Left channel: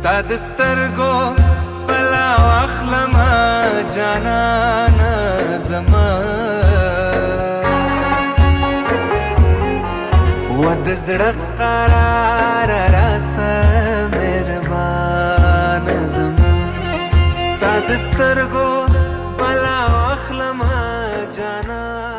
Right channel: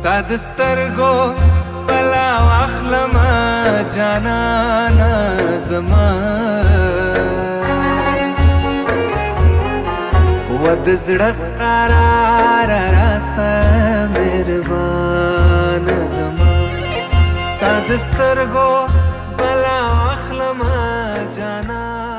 ستا د سترګو بلا واخلمه جانانه زما و د زړه قرار راسه مهربانه زما ستا د سترګو بلا واخلمه جانانه